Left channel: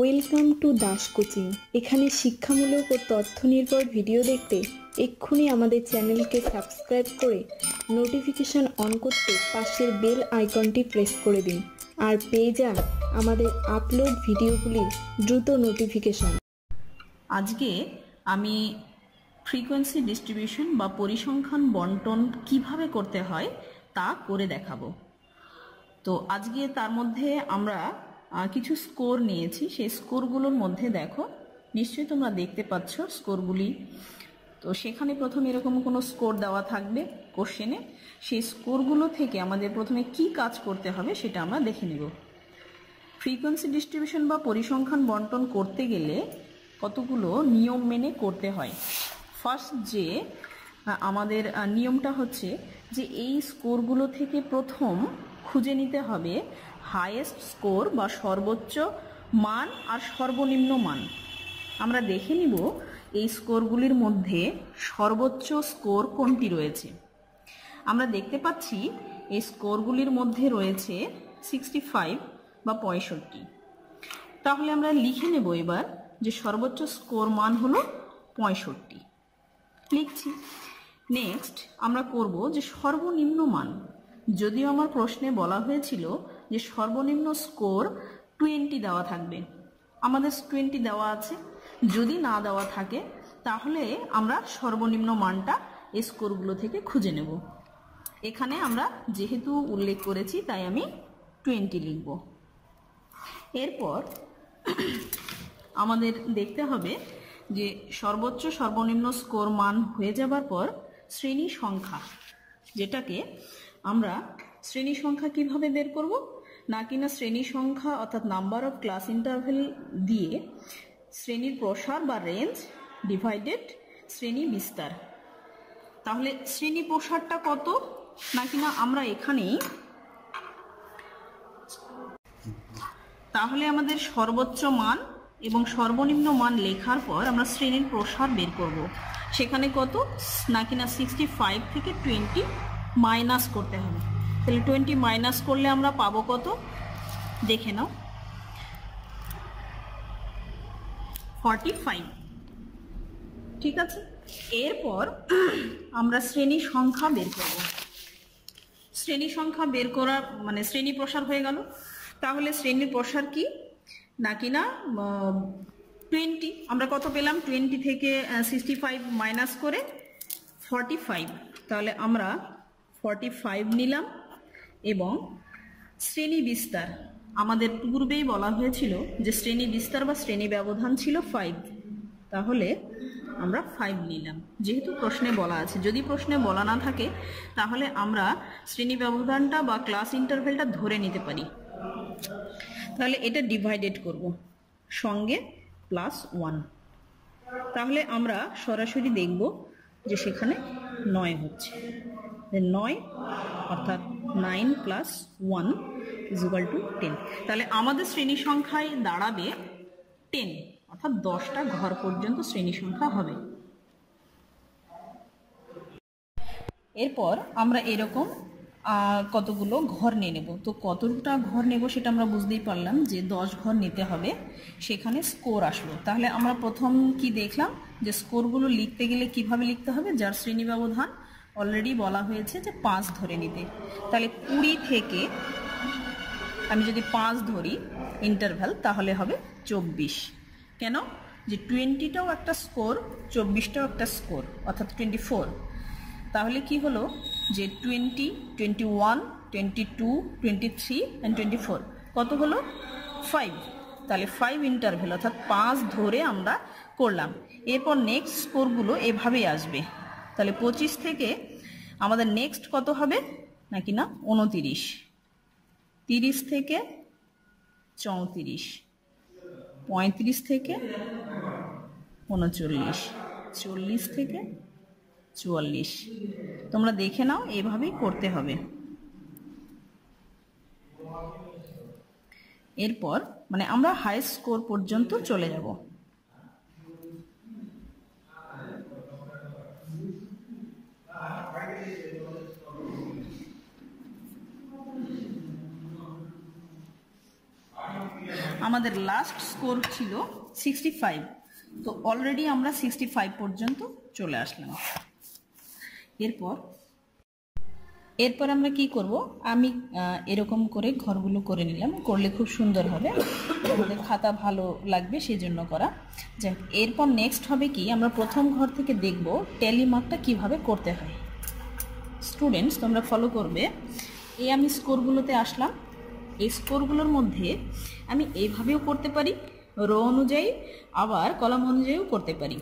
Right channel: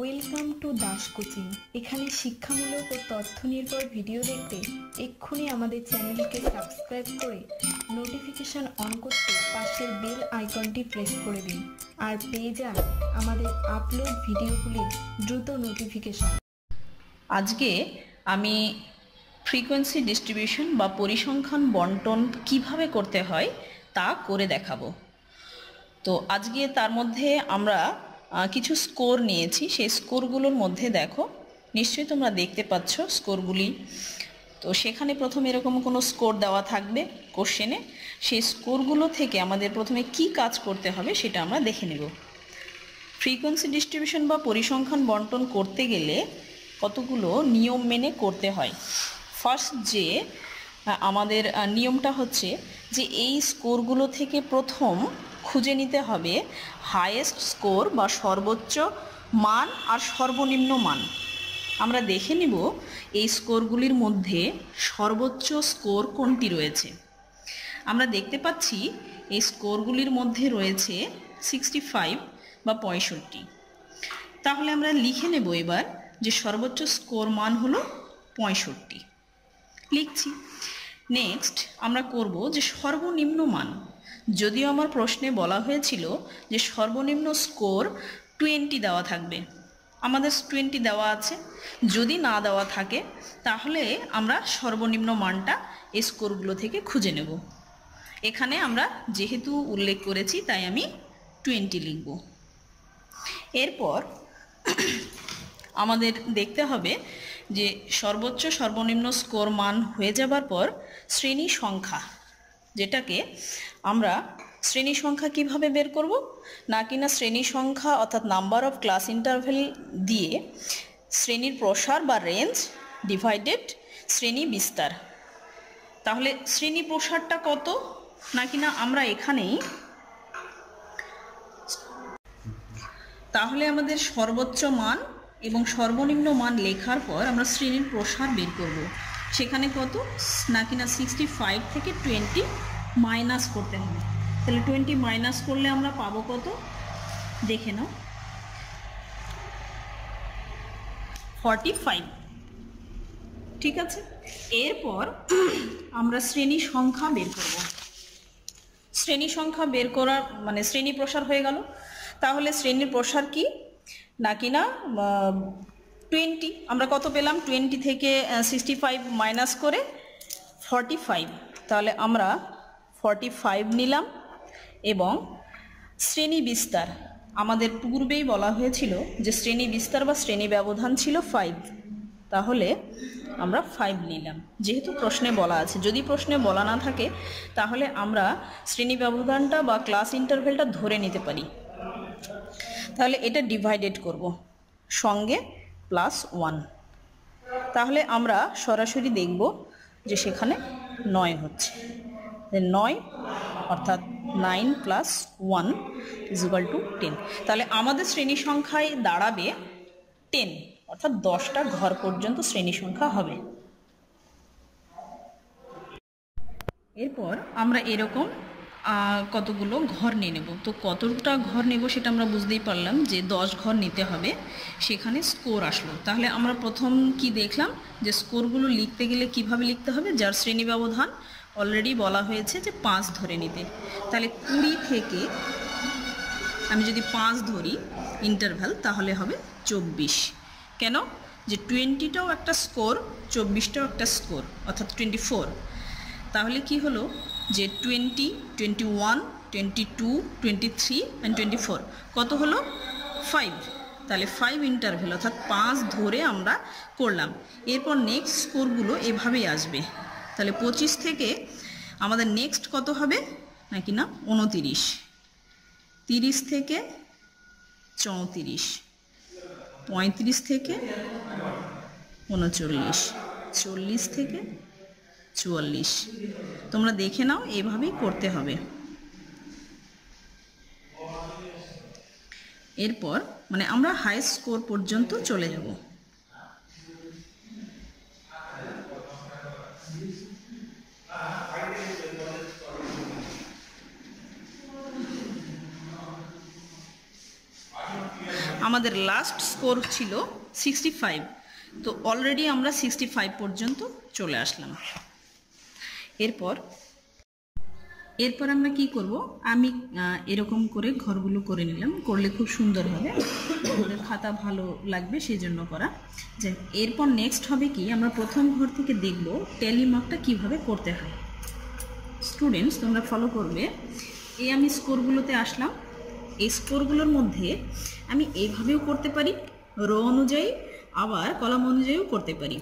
Welcome to Das coaching. এখানে শিক্ষামূলক ও তথ্য নির্ভর ভিডিও দেখতে এক্ষুনি আমাদের চ্যানেলকে সাবস্ক্রাইব করে নোটিফিকেশন অন করতে পাশের বেল আইকনটি প্রেস করে দিন আর পেয়ে যান আমাদের আপলোড ভিডিওগুলির দ্রুত নোটিফিকেশন। আজকে আমি ফ্রিকোয়েন্সি ডিস্ট্রিবিউশন বা পরিসংখ্যান বন্টন কিভাবে করতে হয় তা করে দেখাবো। তো আজকে তার মধ্যে আমরা কিছু স্কোর নিয়েছি। সেই স্কোরগুলোর মধ্যে দেখো, নিশ্চয়ই তোমরা দেখতে পাচ্ছ স্কোরগুলি। তো সেখানে প্রথমে এরকম কোনো স্কোর দেওয়া থাকবে কোশ্চেনে। সেই স্কোরগুলো থেকে আমাদের প্রথমে কি কাজ করতে হবে সেটা আমরা দেখে নেব। ফ্রিকোয়েন্সি ডিস্ট্রিবিউশন বা পরিসংখ্যান বন্টন করতে গেলে কতগুলো নিয়ম মেনে করতে হয়। ফার্স্ট যে আমাদের নিয়মটা হচ্ছে যে এই স্কোরগুলো থেকে প্রথম খুঁজে নিতে হবে হাইয়েস্ট স্কোর বা সর্বোচ্চ মান আর সর্বনিম্ন মান। আমরা দেখে নিব এই স্কোরগুলির মধ্যে সর্বোচ্চ স্কোর কোনটি রয়েছে। আমরা দেখতে পাচ্ছি এই স্কোরগুলির মধ্যে রয়েছে 65 বা 65। তাহলে আমরা লিখে নেব এবার যে সর্বোচ্চ স্কোর মান হলো 65, লিখছি। নেক্সট আমরা করব যে সর্বনিম্ন মান। যদিও আমার প্রশ্নে বলা হয়েছিল যে সর্বনিম্ন স্কোর 20 দেওয়া থাকবে, আমাদের 20 দেওয়া আছে। যদি না দেওয়া থাকে তাহলে আমরা সর্বনিম্ন মানটা এই স্কোরগুলো থেকে খুঁজে নেব। এখানে আমরা যেহেতু উল্লেখ করেছি তাই আমি 20 লিখব। এরপর আমাদের দেখতে হবে যে সর্বোচ্চ সর্বনিম্ন স্কোর মান হয়ে যাবার পর শ্রেণী সংখ্যা, যেটাকে আমরা শ্রেণী সংখ্যা কিভাবে বের করব, না কিনা শ্রেণী সংখ্যা অর্থাৎ নাম্বার অফ ক্লাস ইন্টারভেল দিয়ে শ্রেণীর প্রসার বা রেঞ্জ ডিভাইডেড শ্রেণী বিস্তার। তাহলে শ্রেণী প্রসারটা কত, না কিনা আমরা এখানেই, তাহলে আমাদের সর্বোচ্চ মান এবং সর্বনিম্ন মান লেখার পর আমরা শ্রেণীর প্রসার বের করব। সেখানে কত, না কিনা 65 থেকে 20 মাইনাস করতে হবে। তাহলে 20 মাইনাস করলে আমরা পাবো কত, দেখে নাও, 45। ঠিক আছে। এরপর আমরা শ্রেণী সংখ্যা বের করব। শ্রেণী সংখ্যা বের করা মানে শ্রেণী প্রসার হয়ে গেল। তাহলে শ্রেণীর প্রসার কি, না কিনা 20, আমরা কত পেলাম, 20 থেকে 65 মাইনাস করে 45। তাহলে আমরা 45 নিলাম। এবং শ্রেণী বিস্তার, আমাদের পূর্বেই বলা হয়েছিল যে শ্রেণী বিস্তার বা শ্রেণী ব্যবধান ছিল 5, তাহলে আমরা 5 নিলাম। যেহেতু প্রশ্নে বলা আছে, যদি প্রশ্নে বলা না থাকে তাহলে আমরা শ্রেণী ব্যবধানটা বা ক্লাস ইন্টারভেলটা ধরে নিতে পারি। তাহলে এটা ডিভাইডেড করব সঙ্গে +1। তাহলে আমরা সরাসরি দেখব যে সেখানে 9 হচ্ছে। 9 অর্থাৎ 9 + 1 = 10। তাহলে আমাদের শ্রেণী সংখ্যায় দাঁড়াবে 10, অর্থাৎ 10টা ঘর পর্যন্ত শ্রেণী সংখ্যা হবে। এরপর আমরা এরকম কতগুলো ঘর নিয়ে নেব। তো কতটা ঘর নেব সেটা আমরা বুঝতেই পারলাম যে 10 ঘর নিতে হবে। সেখানে স্কোর আসলো। তাহলে আমরা প্রথম কি দেখলাম যে স্কোরগুলো লিখতে গেলে কিভাবে লিখতে হবে, যার শ্রেণী ব্যবধান অলরেডি বলা হয়েছে যে 5 ধরে নিতে। তাহলে 20 থেকে আমি যদি 5 ধরি ইন্টারভ্যাল তাহলে হবে 24। কেন, যে 20টাও একটা স্কোর, 24টাও একটা স্কোর, অর্থাৎ 24। তাহলে কি হলো যে 20, 21, 22, 23 অ্যান্ড 24 কত হলো 5। তাহলে 5 ইন্টারভেল অর্থাৎ 5 ধরে আমরা করলাম। এরপর নেক্সট স্কোরগুলো এভাবেই আসবে। তাহলে 25 থেকে আমাদের নেক্সট কত হবে, নাকি না 29, 30 থেকে 34, 35 থেকে 39, 40 থেকে 44। তোমরা দেখে নাও, এভাবেই করতে হবে। এরপর মানে আমরা হাইয়েস্ট স্কোর পর্যন্ত চলে যাব। আমাদের লাস্ট স্কোর ছিল 65, তো অলরেডি আমরা 65 পর্যন্ত চলে আসলাম। এরপর আমরা কি করব, আমি এরকম করে ঘরগুলো করে নিলাম, করলে খুব সুন্দর হবে, আমাদের খাতা ভালো লাগবে সেই জন্য করা। যাই, এরপর নেক্সট হবে কি, আমরা প্রথম ঘর থেকে দেখব ট্যালি মার্কটা কিভাবে করতে হয়। স্টুডেন্টস তোমরা ফলো করবে। এই আমি স্কোরগুলোতে আসলাম, এই স্কোরগুলোর মধ্যে আমি এইভাবেও করতে পারি, রো অনুযায়ী, আবার কলাম অনুযায়ীও করতে পারি।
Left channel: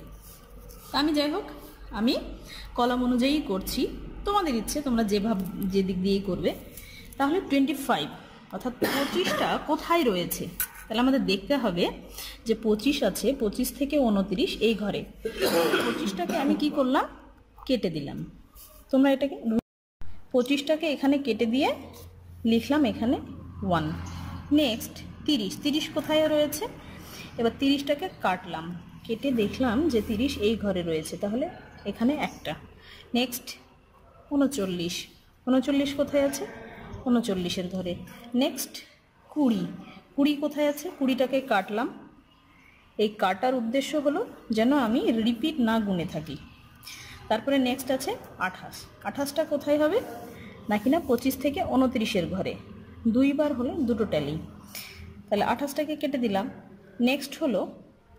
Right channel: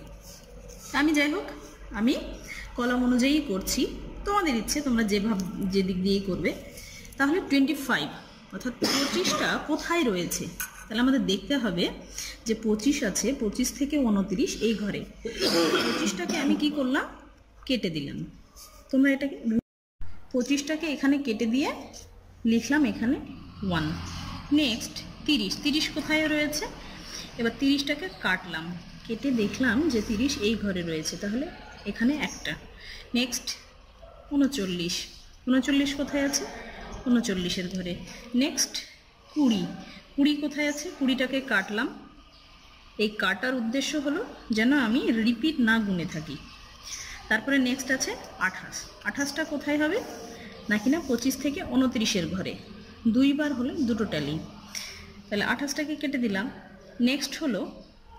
আমি যাই হোক, আমি কলাম অনুযায়ী করছি, তোমাদের ইচ্ছে তোমরা যে দিক দিয়েই করবে। তাহলে 25 অর্থাৎ 25টা কোথায় রয়েছে, তাহলে আমাদের দেখতে হবে যে 25 আছে, 25 থেকে 29 এই ঘরে। 25টাকে আমি কি করলাম, কেটে দিলাম। তোমরা এটাকে 25টাকে এখানে কেটে দিয়ে লিখলাম এখানে 1। নেক্সট 30 কোথায় রয়েছে, এবার 30টাকে কাটলাম, কেটে দেখলাম যে 30 এই ঘরে রয়েছে, তাহলে এখানে একটা। নেক্সট 39 কোথায় আছে, 39-এর ঘরে। নেক্সট 20 কোথায় আছে, 20টাকে কাটলাম, এই কাটার উদ্দেশ্য হলো যেন আমি রিপিট না গুনে থাকি। তারপরে নেক্সট আছে 28টা কোথায় হবে নাকি না 25 থেকে 29-এর ঘরে, 2 বার হলে দুটো ট্যালি, তাহলে 28টাকে কেটে দিলাম। নেক্সট হলো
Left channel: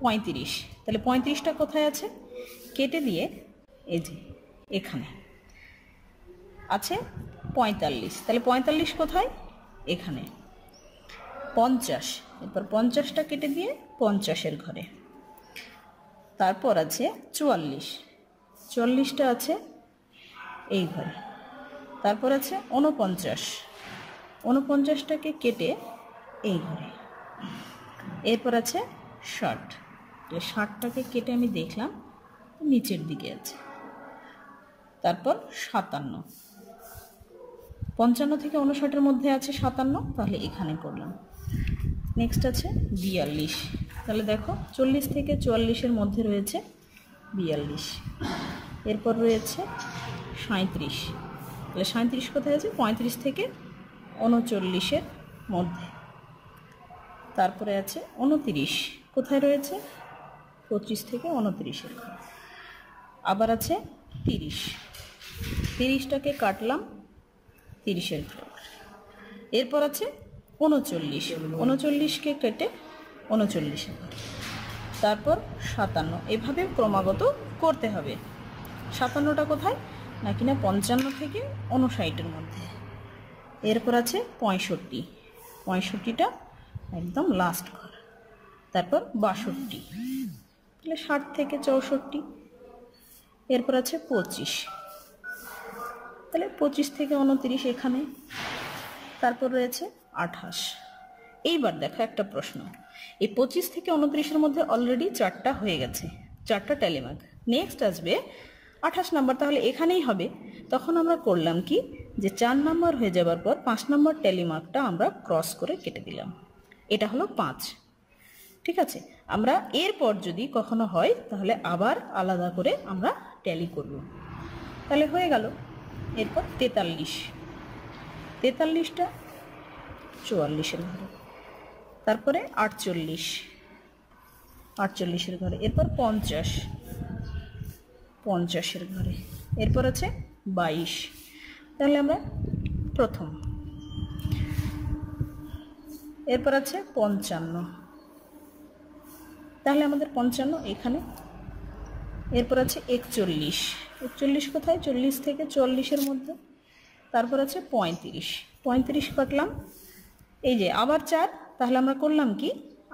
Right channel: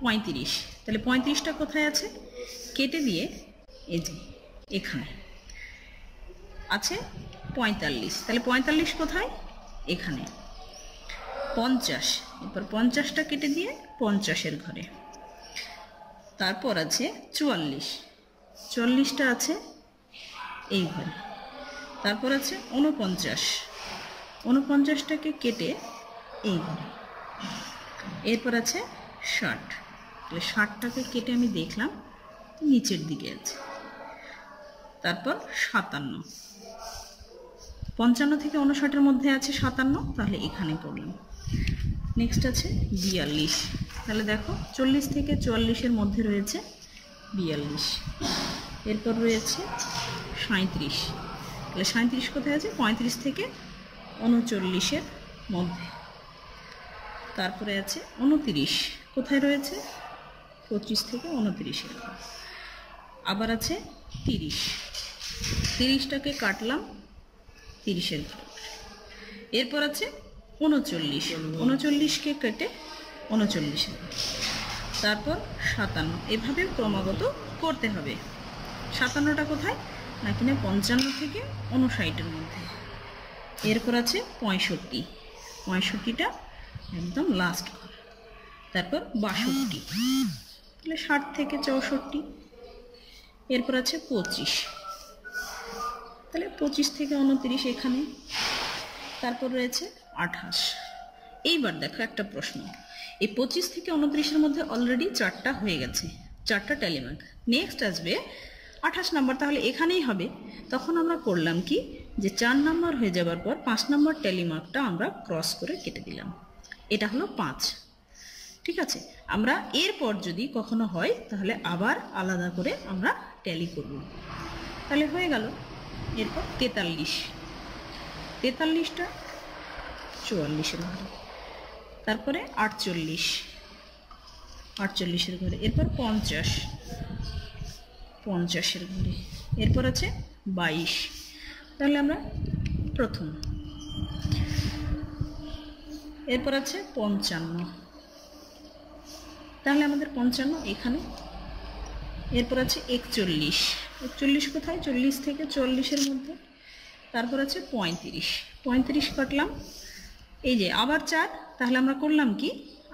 35, তাহলে 35টা কোথায় আছে, কেটে দিয়ে এই যে এখানে আছে 45, তাহলে 45 কোথায়, এখানে। 50, এরপর 50টা কেটে দিয়ে 50-এর ঘরে। তারপর আছে 44টা আছে এই ঘরে। তারপর আছে 49টাকে কেটে এই ঘরে। এরপর আছে 60, তাহলে 60টাকে কেটে আমি দেখলাম নিচের দিকে আছে। তারপর 57, 55 থেকে 59-এর মধ্যে আছে 57, তাহলে এখানে পড়লাম। নেক্সট আছে 42, তাহলে দেখো 40 থেকে 44-এর মধ্যে রয়েছে 42। এরপর রয়েছে 37, তাহলে 37 কোথায় আছে, 35 থেকে 39-এর মধ্যে। তারপরে আছে 29, কোথায় রয়েছে, 25 থেকে 29-এর। আবার আছে 30টাকে কাটলাম 30-এর ঘর। এরপর আছে 39কে কেটে 39-এর। তারপর 57, এভাবে ক্রমাগত করতে হবে। 57টা কোথায় নাকি না 55 থেকে 59-এর মধ্যে। এরপর আছে 65টা একদম লাস্ট ঘর। তারপর 62, তাহলে 60 থেকে 64। এরপর আছে 25, তাহলে 25 থেকে 29 এখানে। তারপর রয়েছে 28। এইবার দেখো একটা প্রশ্ন, এই 25 থেকে 29-এর মধ্যে অলরেডি 4টা হয়ে গেছে, 4টা ট্যালি মার্ক। নেক্সট আসবে 28 নাম্বার, তাহলে এখানেই হবে। তখন আমরা করলাম কি, যে 4 নাম্বার হয়ে যাবার পর 5 নাম্বার ট্যালি মার্কটা আমরা ক্রস করে কেটে দিলাম, এটা হলো 5। ঠিক আছে, আমরা এরপর যদি কখনো হয় তাহলে আবার আলাদা করে আমরা ট্যালি করব, তাহলে হয়ে গেল। এরপর 43টা 44-এর ঘরে। তারপরে 48-এর ঘরে। এরপর 50-এর ঘরে। এরপর আছে 22, তাহলে আমরা প্রথম। এরপর আছে 55, তাহলে আমাদের 55 এখানে। এরপর আছে 41 কোথায়, 40 থেকে 44-এর মধ্যে। তারপর আছে 35 কাটলাম, এই যে আবার 4, তাহলে আমরা করলাম কি,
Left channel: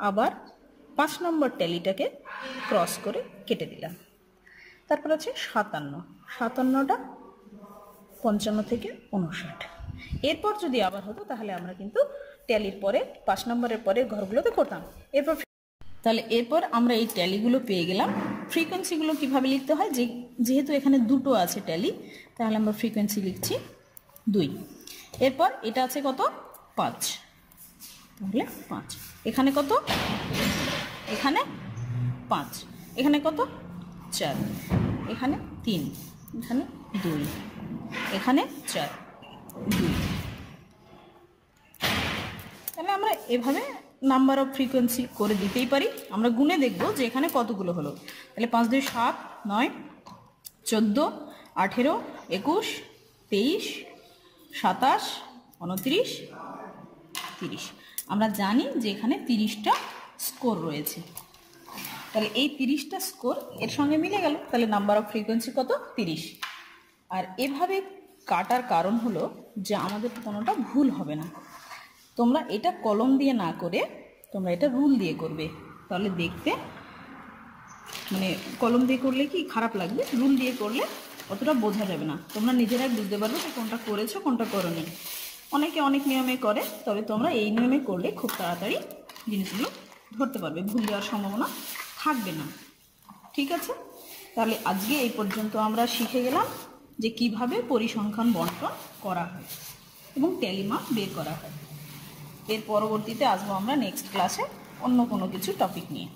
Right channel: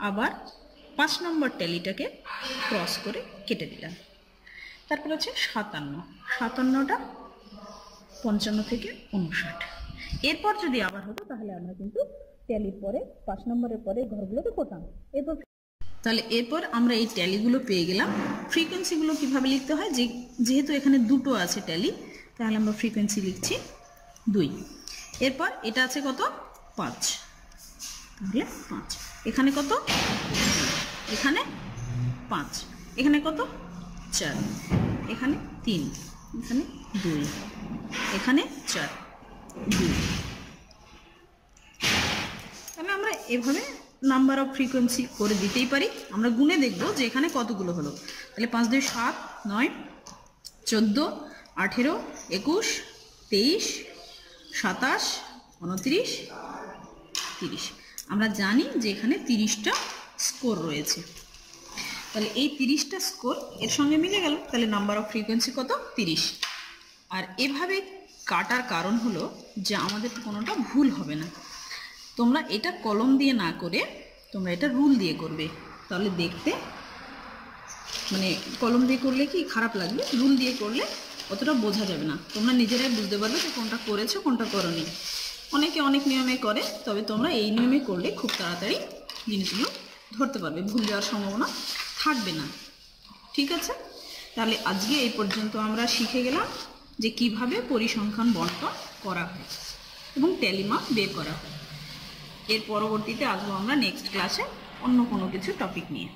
আবার 5 নম্বর ট্যালিটাকে ক্রস করে কেটে দিলাম। তারপর আছে 57টা 55 থেকে 59। এরপর যদি আবার হতো তাহলে আমরা কিন্তু ট্যালির পরে 5 নম্বরের পরের ঘরগুলোতে করতাম। তাহলে এরপর আমরা এই ট্যালিগুলো পেয়ে গেলাম। ফ্রিকোয়েন্সিগুলো কিভাবে লিখতে হয়, যেহেতু এখানে দুটো আছে ট্যালি, তাহলে আমরা ফ্রিকোয়েন্সি লিখছি 2। এরপর এটা আছে কত, 5, তাহলে 5। এখানে কত, এখানে 5, এখানে কত 4, এখানে 3, এখানে 2, এখানে 4, 2। তাহলে আমরা এভাবে নাম্বার অফ ফ্রিকোয়েন্সি করে দিতেই পারি। আমরা গুনে দেখব যে এখানে কতগুলো হলো। তাহলে 5 2 7 9 14 18 21 23 27 29 30। আমরা জানি যে এখানে 30টা স্কোর রয়েছে। তাহলে এই 30টা স্কোর এর সঙ্গে মিলে গেল, তাহলে নাম্বার অফ ফ্রিকোয়েন্সি কত? 30। আর এভাবে কাটার কারণ হলো যে আমাদের কোনোটা ভুল হবে না। তোমরা এটা কলম দিয়ে না করে তোমরা এটা রুল দিয়ে করবে, তাহলে দেখতে মানে কলম দিয়ে করলে কি খারাপ লাগবে, রুল দিয়ে করলে অতটা বোঝা যাবে না, তোমরা নিজেরাই বুঝতে পারবে যে কোনটা করেছো কোনটা করোনি। অনেকে অনেক নিয়মে করে, তবে তোমরা এই নিয়মে করলে খুব তাড়াতাড়ি জিনিসগুলো ধরতে পারবে, ভুল যাওয়ার সম্ভাবনা থাকবে না। ঠিক আছে, তাহলে আজকে এই পর্যন্ত আমরা শিখে গেলাম যে কিভাবে পরিসংখ্যান বন্টন করা হয় এবং ট্যালি মার্ক বের করা হয়। এর পরবর্তীতে আসবো আমরা নেক্সট ক্লাসে অন্য কোনো কিছু টপিক নিয়ে।